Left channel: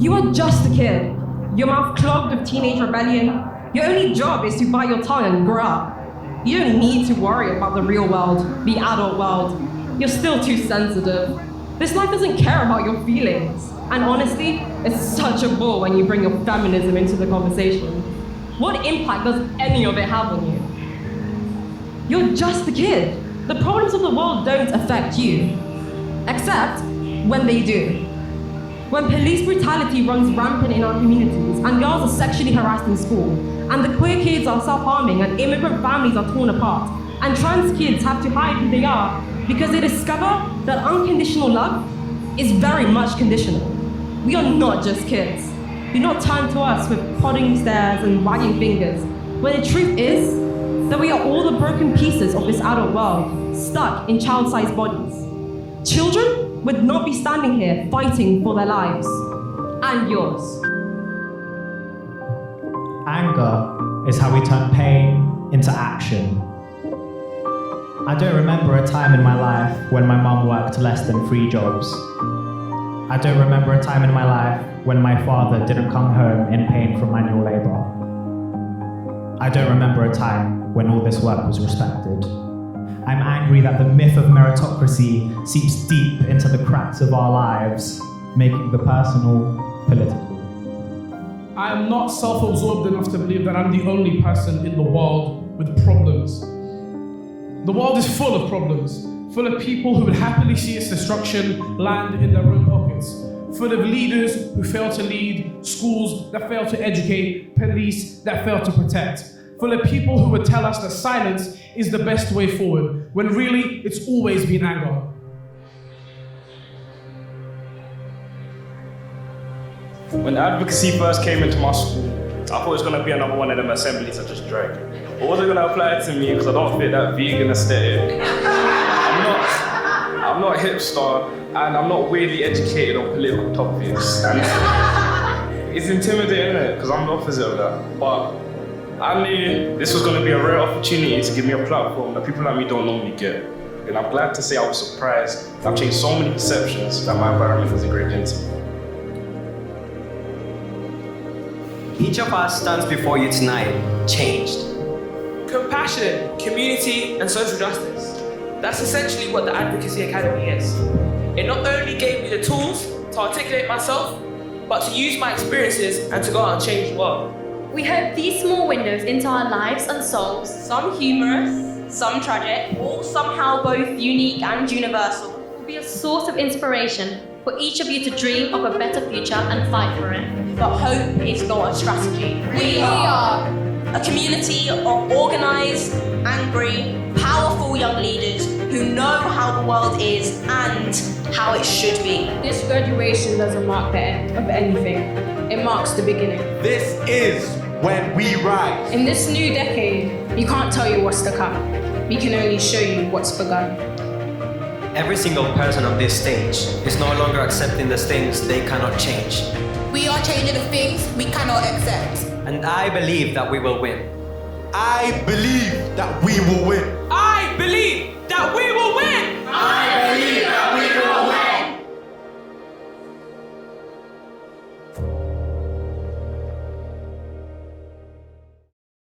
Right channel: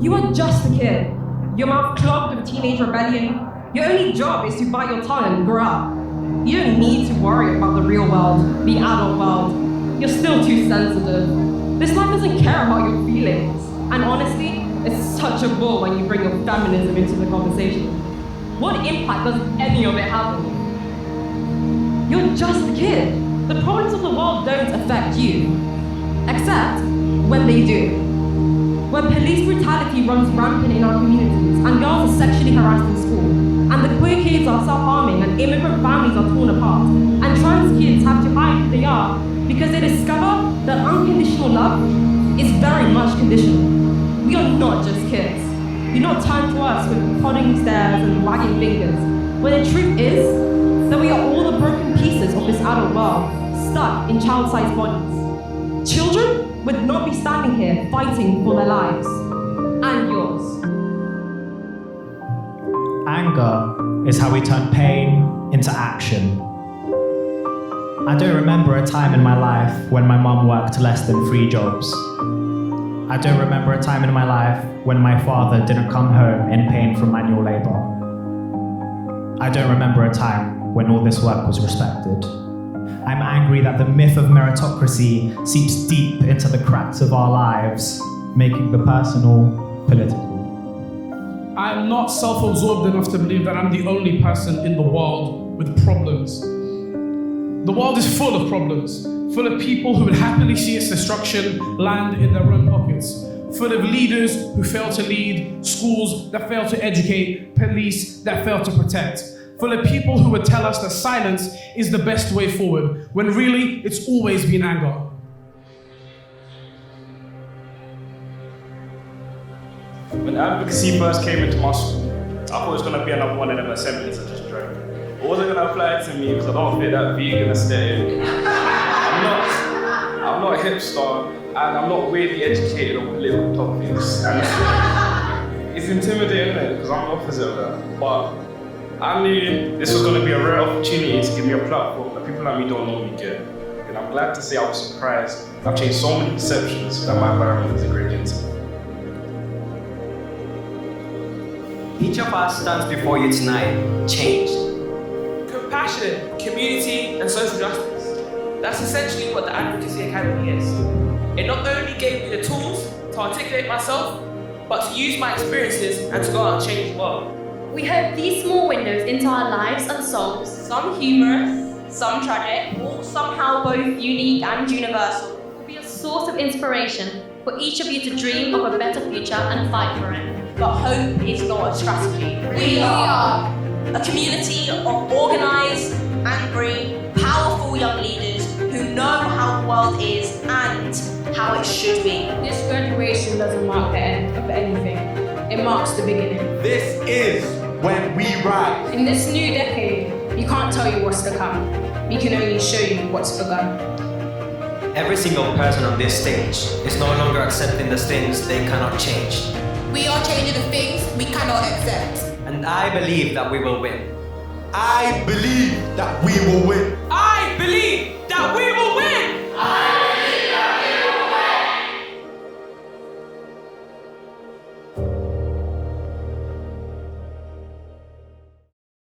You are just a kid. Your mouth clogged with teenage rebellion. Your only job is to bite your tongue and grow up. You don't need to worry about the real world, the adult world. You're still too sensitive. This life doesn't care about your feelings. And honestly, it's such a bore when you bring your feminism into the conversation. What impact does any of it have on you? You're just a kid. The problems of the world don't affect you. Except when they do. When police brutality runs rampant in our communities and girls are sexually harassed in school, and the queer kids are self-harming and immigrant families are torn apart, and trans kids have to hide who they are because they discover that unconditional love is very much conditional. We are not just kids. Do not turn to us with prodding stares and wagging fingers, when the truth is that we are all the broken pieces of this adult world, stuck in child-sized bodies. Children would not be standing here fighting for their lives, and yours. Anger is how we turn pain into action. I don't remember a time in my life when my mum worked less than 3 jobs. I don't remember a time in my life when my father didn't come home in pain from manual labor. I don't remember a time when all this work was respected. I'm angry that the myth of meritocracy seeps deep into the cracks of our lives, making the personal political. I am not self-absorbed enough to believe that I'm the only person in the world with problems. The world is full of problems, full of people who would happily see its destruction land in their own pockets, full of leaders who fail to lead, schools that fail to educate, police that fail to protect, full of people who would tell us that silence is the best way forward, when really it's always been anger. When Advocacy first came into my school, I thought it was going to be another one of them assemblies I just drank. It wasn't going to apply to me because I don't fit that vegan aesthetic. I'm not a hipster, and I'm not weirdly educated on political topics. And it's intimidating, isn't it? Because I'm the opposite of that. But I knew this was going to be a rare opportunity to give me a platform that people like me don't normally get. And I'm glad to say I was surprised. I've changed so many perceptions that my environment has ingrained into me. Each of us stands before you tonight, changed. Compassion, community, and social justice. That's essentially what the Advocacy Academy is. It not only gave me the tools to articulate myself, but to use my experiences and to go out and change the world. We hope these small windows into our lives and souls, Some humorous, some tragic, all somehow both unique and universal, will be a source of inspiration for each of you to dream of a better future and fight for it. but hope is not a strategy. We are a community of organised, angry, powerful young leaders who know how the world is and how it should be. This graduation doesn't mark the end of anything. It marks the beginning. This is when we rise. In this new decade, we can't tell you what's to come. We can only show you what's begun. Every single person on this stage is no longer accepting the things they cannot change. We are changing the things we cannot accept. And I believe that we will win. I believe that we will win.